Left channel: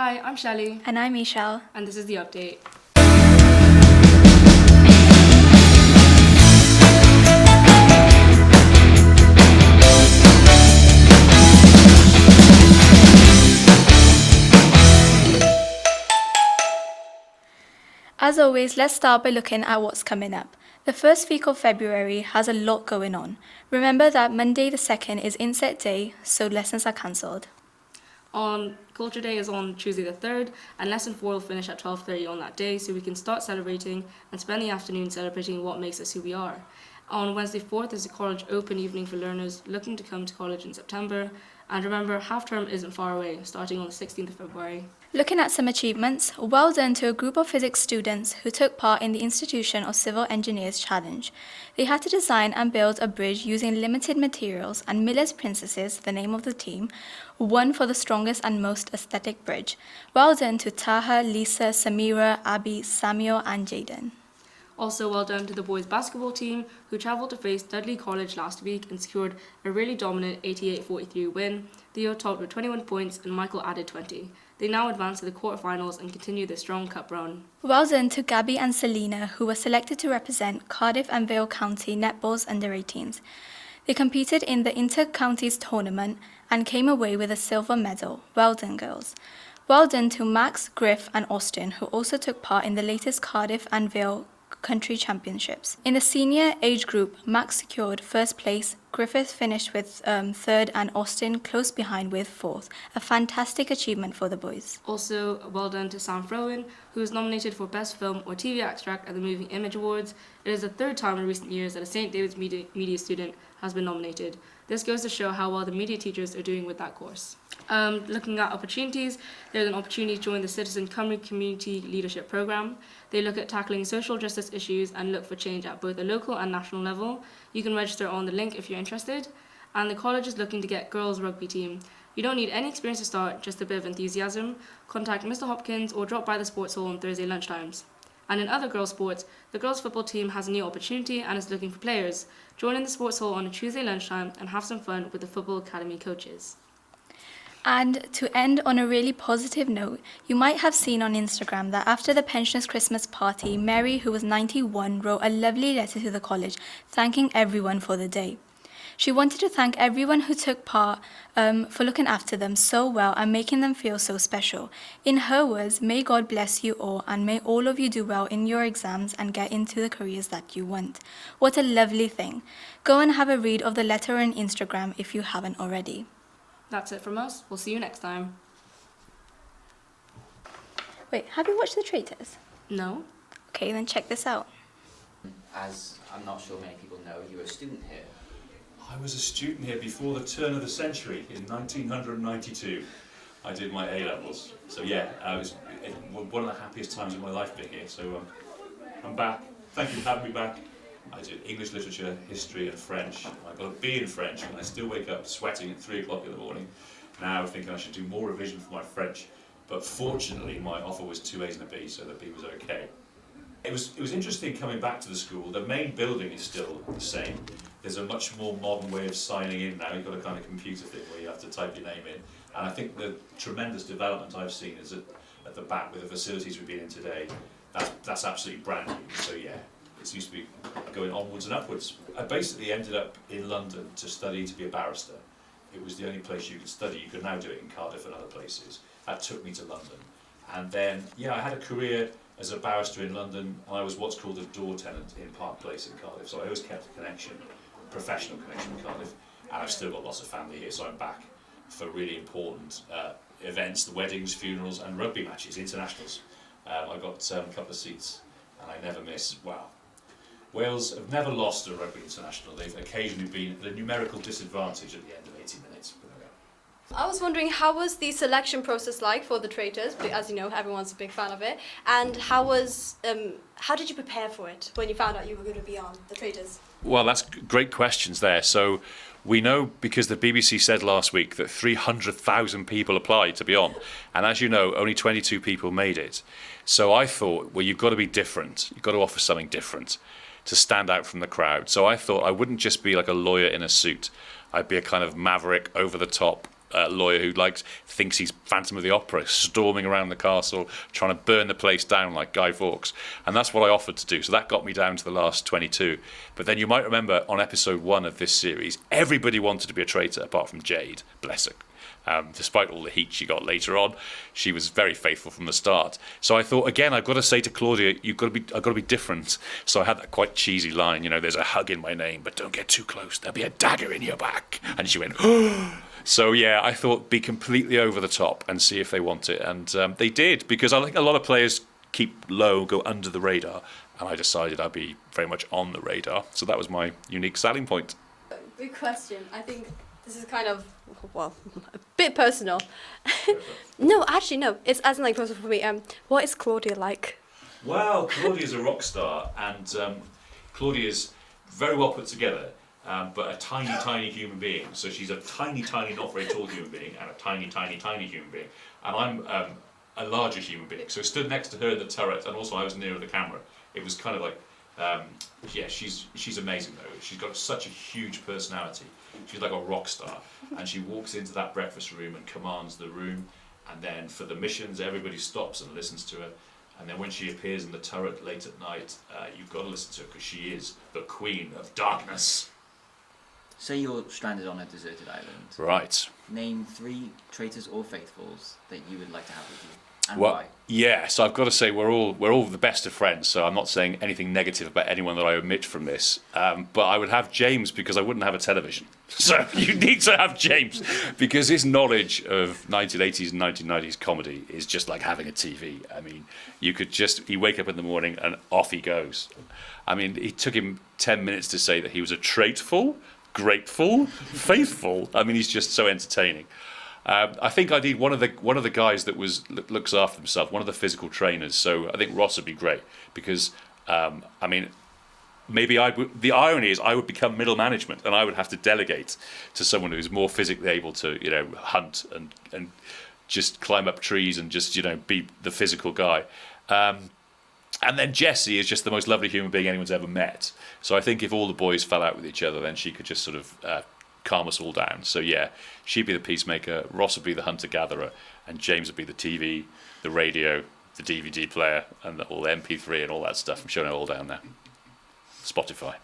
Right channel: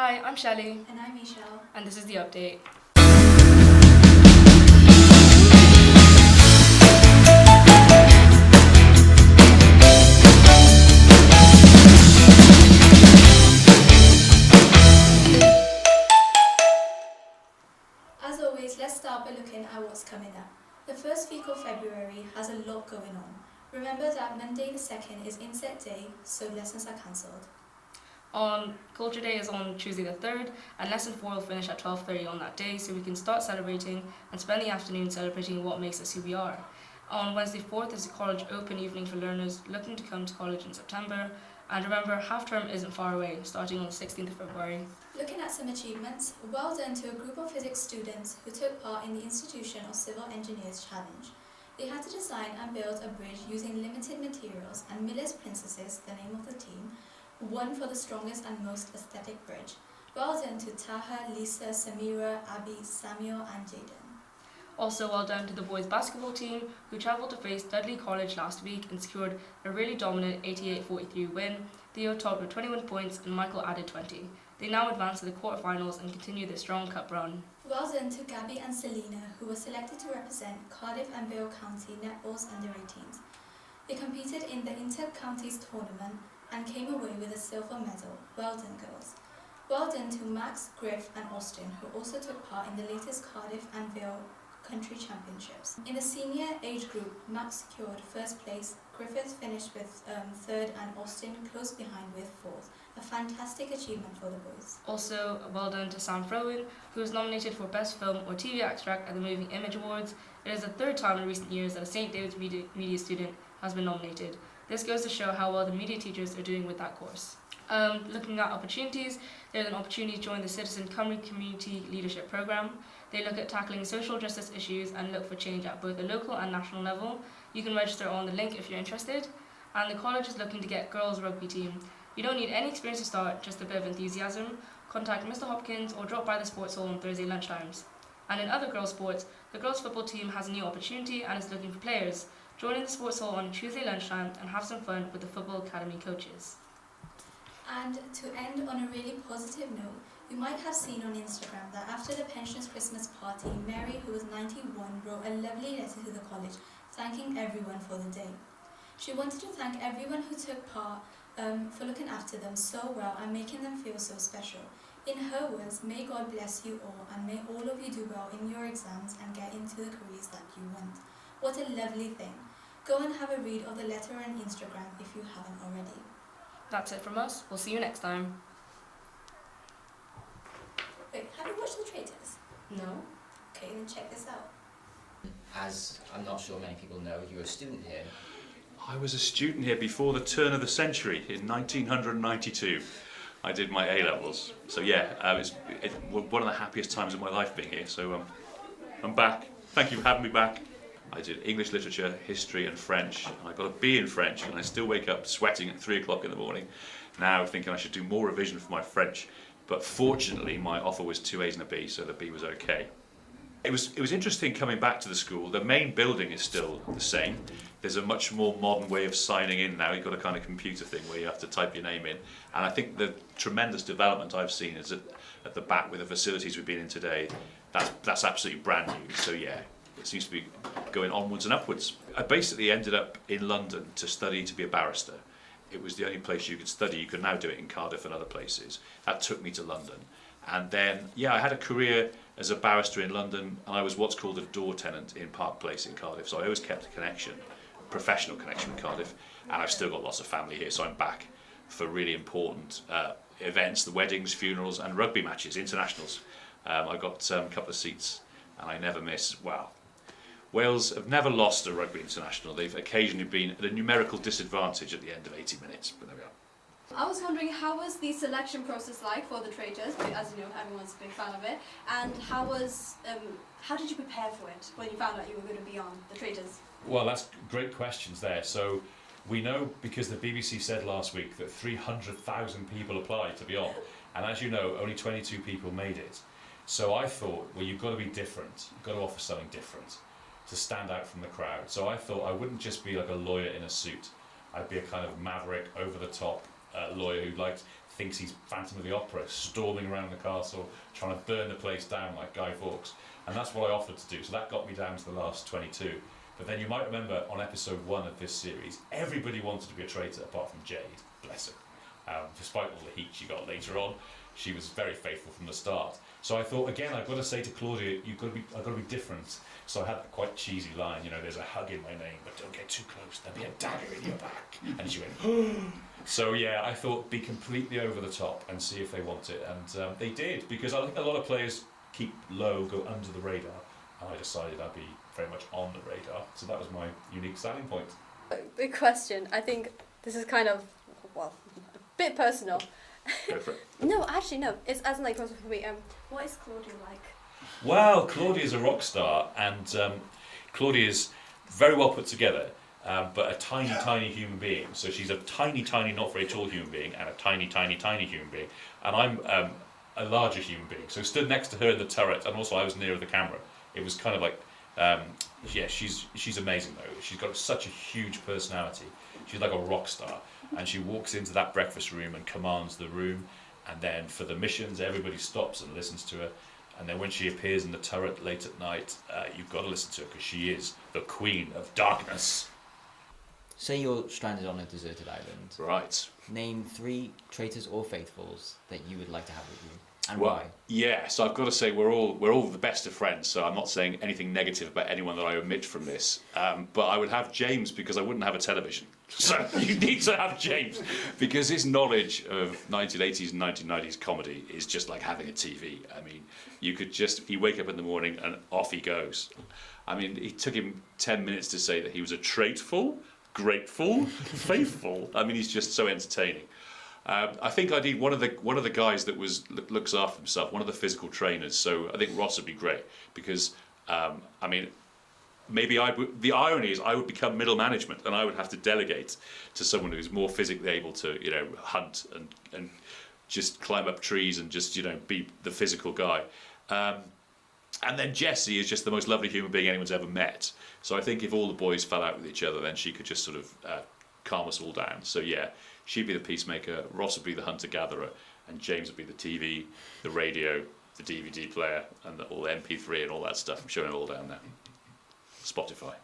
Hi, I'm Shelley. And I'm Michelle. And this is The Update. As always, let's start by looking at what's coming up. The first week of February has a lot going on. Remember that Monday the 2nd is Inset Day, so lessons are cancelled. Culture Day is on Tuesday the 3rd, and Lesson 4 will finish at 12:30 on that day, so we can start celebrating and spend the afternoon celebrating what makes us who we are. On Wednesday 4th is a college open evening for learners looking to come to college in September. And remember, half-term isn't far away, starting on the 16th of February. Looking at some achievements, well done to a group of physics students who took part in the Institution of Civil Engineers Challenge. They had to design and build a bridge using limited materials, and Miller's Princesses, the name of the team, won for the strongest and most aesthetic bridge. Well done to Taha, Lisa, Samira, Abby, Samuel and Jaden. Also well done to the boys basketball team, who travelled to face Dudley College last week and secured a really dominant 88-43 win. Theo topped with 21 points and Michael added 20. They now advance to the quarterfinals and continue their strong cup run. Well done to Gabby and Selena, who were selected to represent Cardiff and Vale County netball's under-18s. They competed in the Inter-Counties tournament and came away with a silver medal. Well done, girls. Well done to Max, Griff and Austin, who also took part in the latest Cardiff and Vale country championships. In the senior age group, Max secured first place, Griffith finished with third and Austin close behind with fourth. A fantastic achievement for the boys. Also well done to Sam Frowen, who was nominated for Best Film or TV Extract at the Moving Image Awards. It is the third time in recent years that a St. David's media student has been nominated. This goes to show how well the media teachers are doing with that course. Looking at opportunities, there's an opportunity to join the Citizen Cymru Community Leadership Programme. They look at tackling social justice issues and look for change at both a local and national level. You can register on the link if you're interested. And the college is looking to get girls' rugby team. You don't need any experience to start, just a bit of enthusiasm. Contact Mr. Hopkins or drop by the sports hall on Thursday lunchtimes. And in other girls' sports, the girls' football team has a new opportunity and is looking for players. Join in the sports hall on a Tuesday lunchtime and have some fun with the Football Academy coaches. And to end on a really positive note, you might have seen on Instagram that after the pensioners' Christmas party, Mary, who was 91, wrote a lovely letter to the college, thanking everyone for the day. She wanted to thank everyone who took part for looking after them so well and making them feel so special. In her words, may God bless you all and may all of you do well in your exams and get into the careers that you want. What a lovely thing. Go and have a read of the letter on Instagram if you haven't already. That's it from us. We'll see you next time. Wait, have you watched The Traitors? No? Okay, then check this out. As I'm not sure many people know, you were a student here. I was a student here before the turn of the century in 1992. I did my A-levels. So yeah, it was one of the happiest times of my life being here. So I'm back. Thank you for having me back. I did English literature, history and French. I got a B in French and I still wake up sweating at 3 o'clock in the morning now thinking I should do more revision for my French. But fortunately my offer was 2 A's and a B, so the B was okay. It was interesting coming back to the school. The main building is still the same. There's a much more modern way of signing in now. You've got a kind of computer thing where you have to type your name in. And I think the tremendous development I've seen is at the back with the facilities we've been in today. That's absolutely brand new. So yeah, it seems to be going onwards and upwards. I basically ended up in London to study to be a barrister. It was the only place you could study. You could now do it in Cardiff and other places. That took me to London. And then, yeah, I had a career as a barrister in London, and I was what's called a door tenant in Park Place in Cardiff. So I always kept a connection, a professional connection in Cardiff, and I've still got lots of family here, so I'm back for really important events, the weddings, funerals, and rugby matches, internationals. I got a couple of seats, and I never miss. Well, Wales have never lost a rugby international. They've occasionally been at a numerical disadvantage at the end of 80 minutes, but there we are. I was wondering, how was the selection process like for the Traitors? As you know, everyone's a big fan of it. And how did you prepare for it when you found out you were going to be on the Traitors? Well, that's great questions there. So we know, because the BBC said last week that 300,000 people applied to be on. And as you know, only 22 people made it. So I thought, well, you've got to be different. You've got to offer something different to stand out from the crowd. So I thought I wouldn't just be like a lawyer in a suit. I'd be a kind of maverick, over-the-top lawyer who thinks he's Phantom of the Opera, storming around the castle, trying to burn the place down like Guy Fawkes. And that's what I offered to do. So that got me down to the last 22. But then you might remember on episode 1 of this series, everybody wanted to be a traitor apart from Jade, bless her. Despite all the heat she got later on, she was very faithful from the start. So I thought, again, I've got to say to Claudia, I've got to be different. So I had that quite cheesy line, there's a hug in my name, but don't get too close. There'll be a dagger in your back. And she went, oh. So yeah, I thought be completely over the top and see if they want it. And they did, because I think a lot of players keep low, go under the radar. And I decided I'd be very much on the radar. So that was my unique selling point. Big question. I think this is kind of, well, a bit personal. No, actually, no. It's as in like personal for me. What is Claudia like? Well, Claudia's a rock star, and Claudia's very well put together, but a tiny, tiny human being. So she's a tiny, tiny, not very tall human being, and a tiny, tiny, tiny human being. And I'm a larger human being. So stood next to her in the turret, and also I was nearer the camera. It was kind of like, yeah, she's amazing though. She's got such a huge personality. She's like a rock star. And she walks into that breakfast room and commands the room, and then for the missions everybody stops and listens to her, and then when she appears in the turret late at night, you've got to listen to her because she is the Queen of Darkness. Say you're stranded on a deserted island. Right. Name 3 traitors or faithfuls that you would like to have with you, and Well, why. yeah, so I've got to say we're all the best of friends, so I'm not saying anything negative about anyone that I omit from this, but I would have James because I wouldn't have a television. So you need to have James because his knowledge of 1980s and 1990s comedy is just like having a TV. I mean, you wake up in the morning and off he goes. I mean, it took him 10 minutes to say that he was a traitful, grateful, faithful. I mean, he's just so entertaining. I think I need one of the guys that looks after himself, one of the physical trainers. So I think Ross would be great because, I mean, maybe the irony is I would become middle management and I would have to delegate to someone who's more physically able to, hunt and just climb up trees and just, be the physical guy. And then Jessie is just the most lovely human being anyone's ever met. So I think if all the boys fell out with each other, then she could just sort of calm us all down. So yeah, she'd be the peacemaker, Ross would be the hunter-gatherer, and James would be the TV, the radio, the DVD player, and all the MP3 and all that stuff. I'm showing it all down there. Spotify.